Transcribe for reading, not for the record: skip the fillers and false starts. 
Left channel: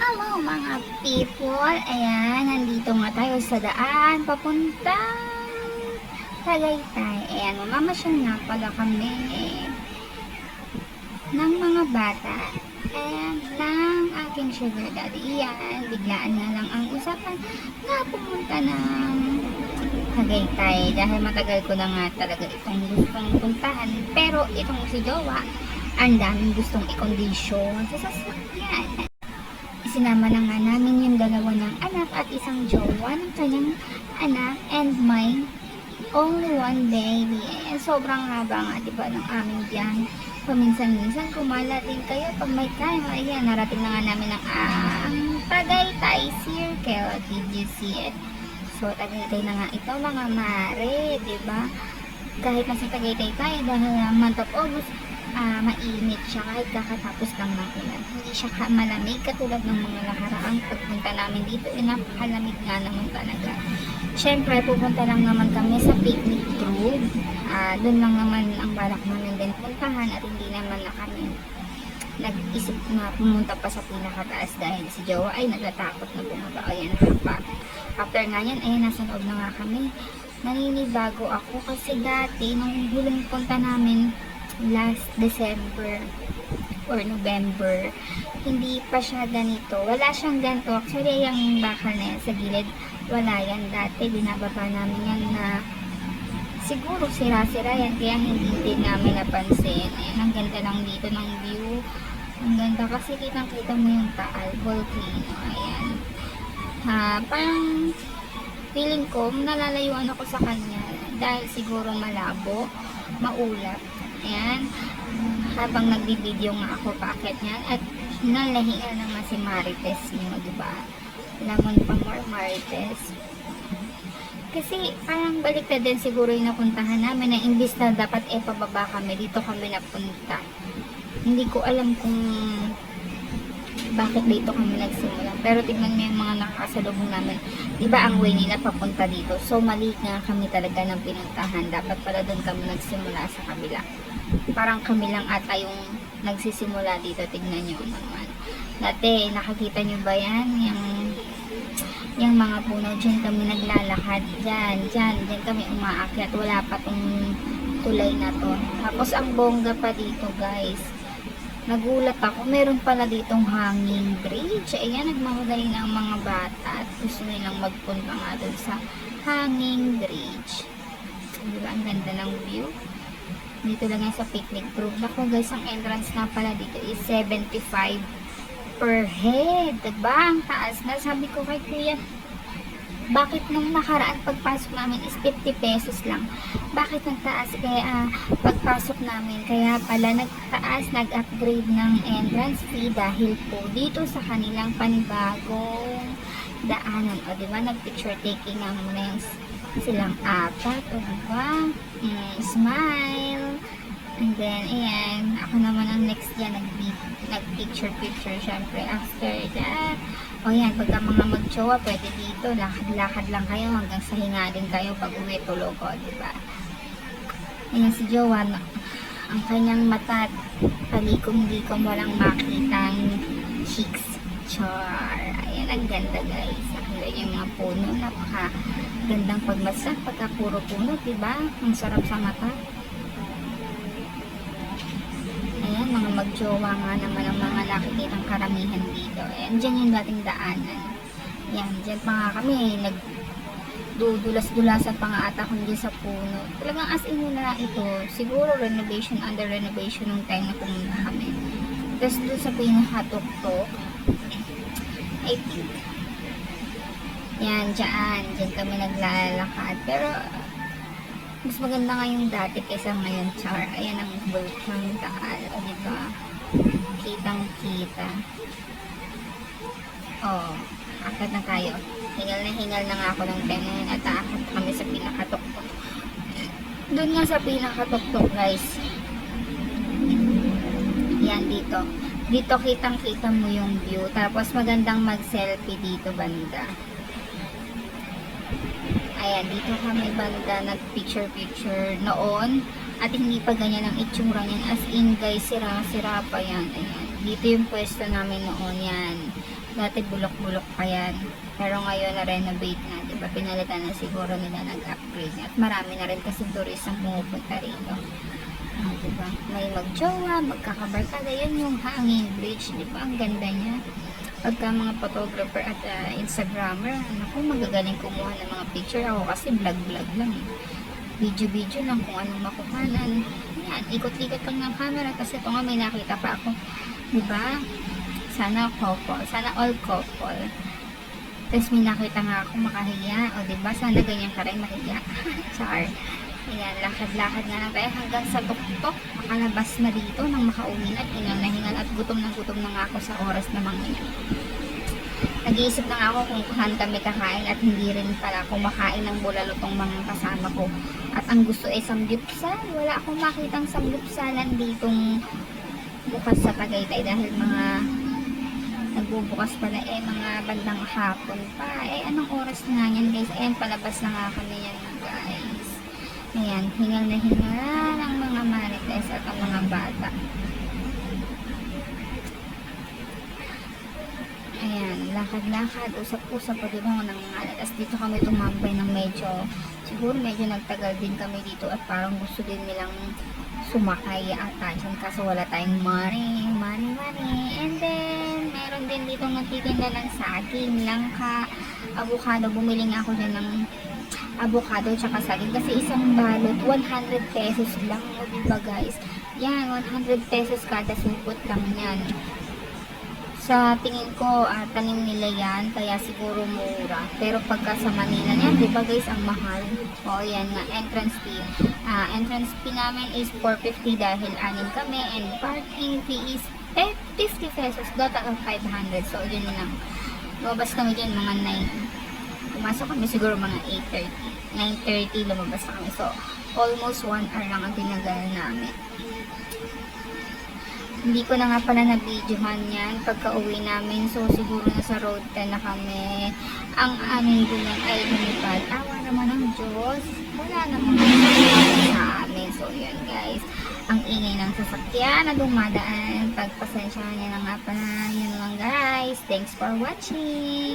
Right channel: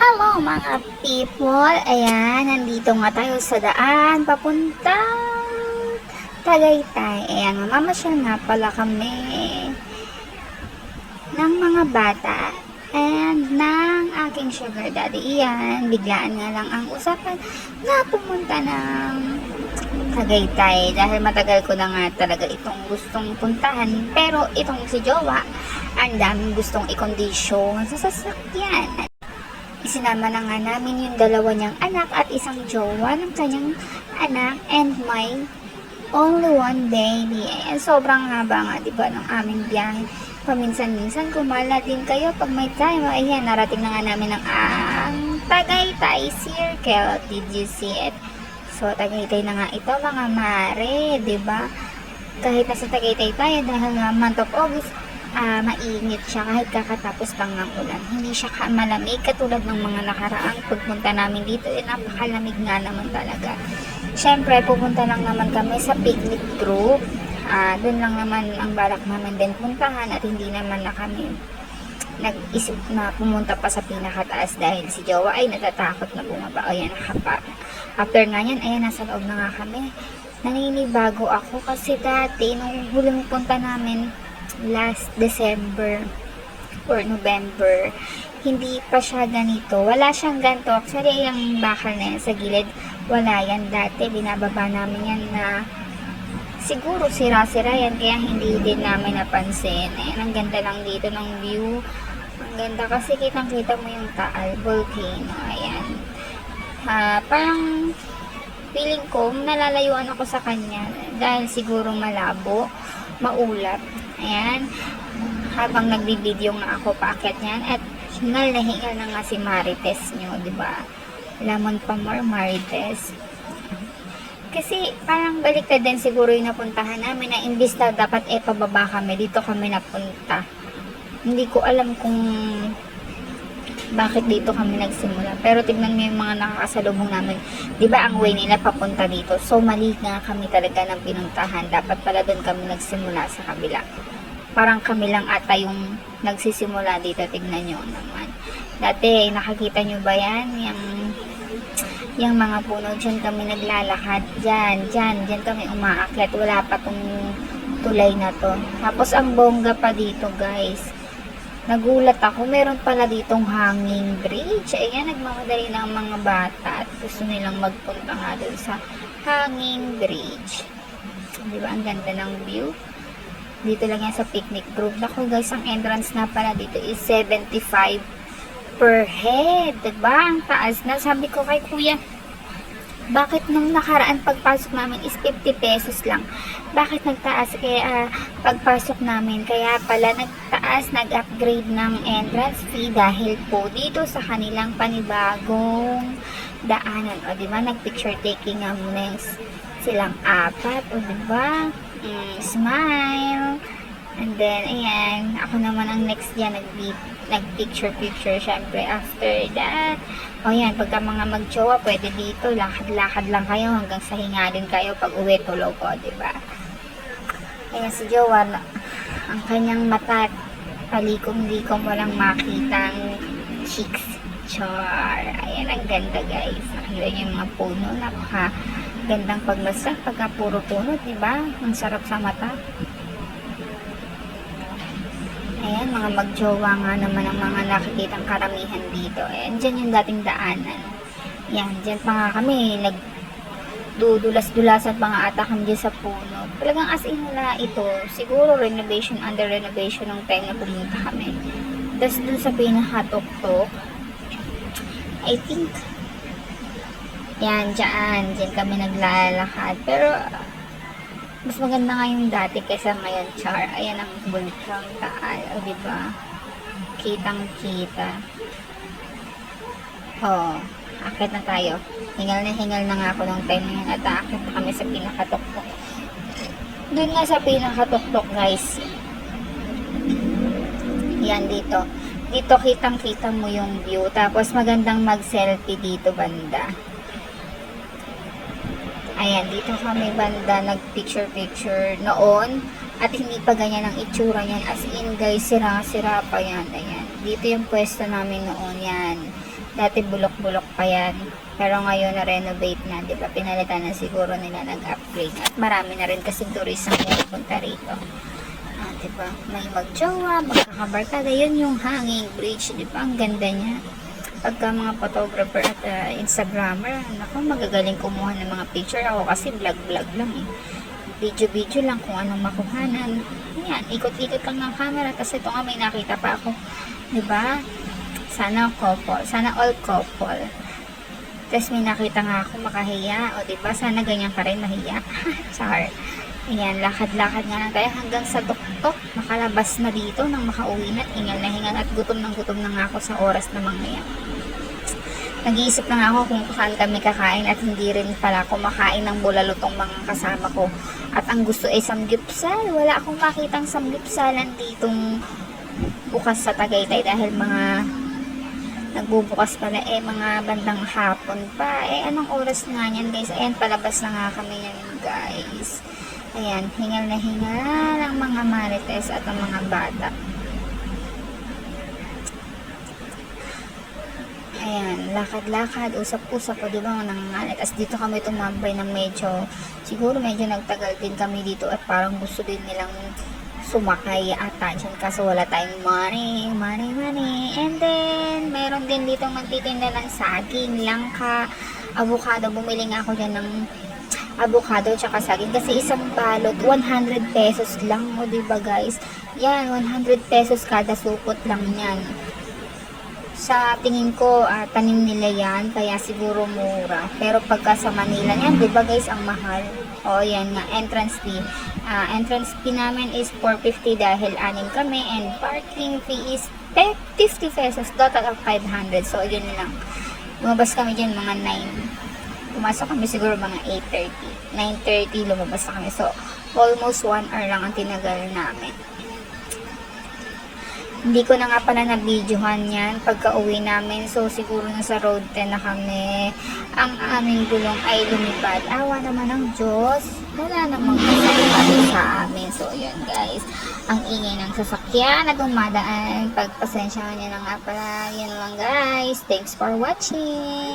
Hello mga people! Ayan, nandito nga tayo sa daan papunta Tagaytay. Ayan, mamamasyal nga pala kami ng mga bata and ng aking sugar daddy. Ayan, biglaan nga lang ang usapan na pumunta ng Tagaytay dahil matagal ko na nga talaga itong gustong puntahan, pero itong si Jowa ang daming gustong i-condition sa sasakyan. Isinama na nga namin yung dalawa niyang anak at isang jowa ng kanyang anak and my only one baby. Sobrang haba nga, di ba, ng aming biyahe. Paminsan-minsan kumala din kayo pag may time. Ayan, narating na nga namin ang Tagaytay Circle. Did you see it? So, Tagaytay na nga ito mga mare, di ba? Kahit nasa Tagaytay tayo dahil month of August, mainit siya kahit kakatapos lang ng ulan. Hindi siya malamig katulad ng mga nakaraang pagpunta namin dito. Napakalamig nga naman talaga. Syempre, pupunta lang naman kami sa picnic grove. Doon lang naman ang balak naman din puntahan at hindi naman na kami nag-isip na pumunta pa sa pinakataas dahil si Jowa ay natatakot na bumaba. Ayan, nakapa. After nga yan, ayan, nasa loob na nga kami. Naninibago ako kasi dati, nung huling punta namin, last December or November, hindi pa siya ganito. Wala siyang ganito. Actually, yung bakal na yan sa gilid, wala yan dati. Binababa namin yan na siguro sira-sira yan, kaya hindi din namin napansin. Ayan, ang ganda lang dito ng view. Ang ganda kasi kitang-kita mo yung Taal volcano. Ayan. Parang feeling ko, nalalayuan ako sa kanya dahil siguro malabo, maulap. Ayan, habang nagbibideo nga ako paakyat niyan at hingal na hingal na nga si Marites nyo, diba? Lamon pa more Marites. Kasi parang baliktad din siguro yung napuntahan namin na imbis na dapat pababa kami, dito kami napunta. Hindi ko alam kung bakit dito kami nagsimula. Pero tignan mo yung mga nakakasalubong namin. Diba ang way nila papunta dito? So mali nga kami talaga ng pinuntahan. Dapat pala doon kami nagsimula sa kabila. Parang kami lang ata yung nagsisimula dito. Tignan nyo naman. Dati nakakita nyo ba yan? Yung mga puno. Diyan kami naglalakad. Diyan kami umaakyat. Wala pa tong tulay na to. Tapos ang bongga pa dito, guys. Nagulat ako, meron pala ditong hanging bridge. Ayan, nagmamadali ng mga bata at gusto nilang magpunta nga doon sa hanging bridge. Di ba, ang ganda ng view? Dito lang yan sa picnic group. Ako guys, ang entrance na pala dito is 75 per head. Diba? Ang taas na. Sabi ko kay kuya, bakit nung nakaraan pagpasok namin is 50 pesos lang? Bakit nagtaas kaya pagpasok namin? Kaya pala nagtaas, nag-upgrade ng entrance fee dahil po dito sa kanilang panibagong daanan. O diba, nag-picture taking nga muna yung silang apat. O diba, smile. And then, ayan, ako naman ang next dyan, nag-picture, syempre, after that. O yan, pagka mga mag-jowa, pwede dito, lakad-lakad lang kayo hanggang sa hingalin kayo pag uwi tulog, o, diba? Ayan, si Jowa, ang kanyang mata, palikom-likom, walang makitang cheeks. Char. Ayan, ang ganda, guys. Ayan yung mga puno, napaka-gandang pagmasdan, pagka puro puno, diba? Ang sarap sa mata. Ayan, mga magjowa nga naman ang mga nakikitang karamihan dito. Ayan, dyan yung dating daanan. Ayan, dyan pa nga kami, nagdudulas-dulasan pa nga ata kami dyan sa puno. Talagang as in na ito, siguro renovation, under renovation ng time na pumunta kami. Tapos dun sa pinakatok-tok, I think, yan, dyan kami naglalakad. Pero, mas maganda nga yung dati kaysa ngayon, char. Ayan ang bulkang Taal, o diba? Kitang-kita. Oh, akit na tayo. Hingal na nga ako ng time na yun at akit kami sa pinakatok-tok. Doon nga sa pinakatok-tok, guys. Yan, dito. Dito kitang-kita mo yung view. Tapos magandang mag-selfie dito banda. Ayan, dito kami banda nag-picture noon at hindi pa ganyan ang itsura niyan. As in guys, sira-sira pa yan. Ayan. Dito yung pwesto namin noon yan. Dati bulok-bulok pa yan. Pero ngayon na-renovate na, di ba? Pinalitan na siguro nila, nag-upgrade. At marami na rin kasi turist ang pumupunta rito. Ah, di ba? May magjowa, magkakabarkada. Yun yung hanging bridge, di ba? Ang ganda niya. Pagka mga photographer at Instagrammer, naku, magagaling kumuha ng mga picture. Ako kasi vlog-vlog lang eh. Video-video lang kung anong makuhanan. Ayan, ikot-ikot lang ng camera. Kasi ito nga may nakita pa ako. Di ba? Sana couple. Sana all couple. Tapos may nakita nga ako makahiya. O diba? Sana ganyan ka rin mahiya. Char. Ayan, lakad-lakad nga lang tayo hanggang sa tuktok. Makalabas na dito nang makauwi na. Hingal na hingal at gutom na nga ako sa oras na mga yan. Nag-iisip na nga ako kung saan kami kakain at hindi rin pala kumakain ng bulalo tong mga kasama ko. At ang gusto ay samgyupsal. Wala akong makitang samgyupsalan ditong bukas sa Tagaytay dahil mga nagbubukas pala mga bandang hapon pa. Anong oras nga yan guys? Ayan, palabas na nga kami yan guys. Ayan, hingal na hingal ang mga marites at ang mga bata. Ayan, lakad-lakad, usap-usap po, di ba, nangangalit. As dito kami tumambay ng siguro medyo nagtagal din kami dito at parang gusto din nilang sumakay ata dyan kasi wala tayong money. And then, meron din dito magtitinda ng saging, langka, avocado. Bumili nga ako dyan ng avocado tsaka saging kasi isang balot, 100 pesos lang. O diba guys? Yan, 100 pesos kada supot lang yan. Sa tingin ko, tanim nila yan, kaya siguro mura. Pero pagka sa Manila yan, diba guys, ang mahal. O, yan nga, entrance fee. Entrance fee namin is 450 dahil 6 kami, and parking fee is 50 pesos, total of 500. So, yun lang. Lumabas kami dyan mga 9. Pumasok kami siguro mga 8:30. 9:30 lumabas na kami. So, almost 1 hour lang ang tinagal namin. Hindi ko na nga pala na-videohan yan pagka uwi namin. So, siguro nasa road 10 na kami. Ang aming gulong ay lumipad. Awa naman ng Diyos. Wala namang masakit sa amin. So, yan guys. Ang ingay ng sasakyan na dumadaan. Pagpasensyahan nyo na nga pala. Yan lang guys. Thanks for watching.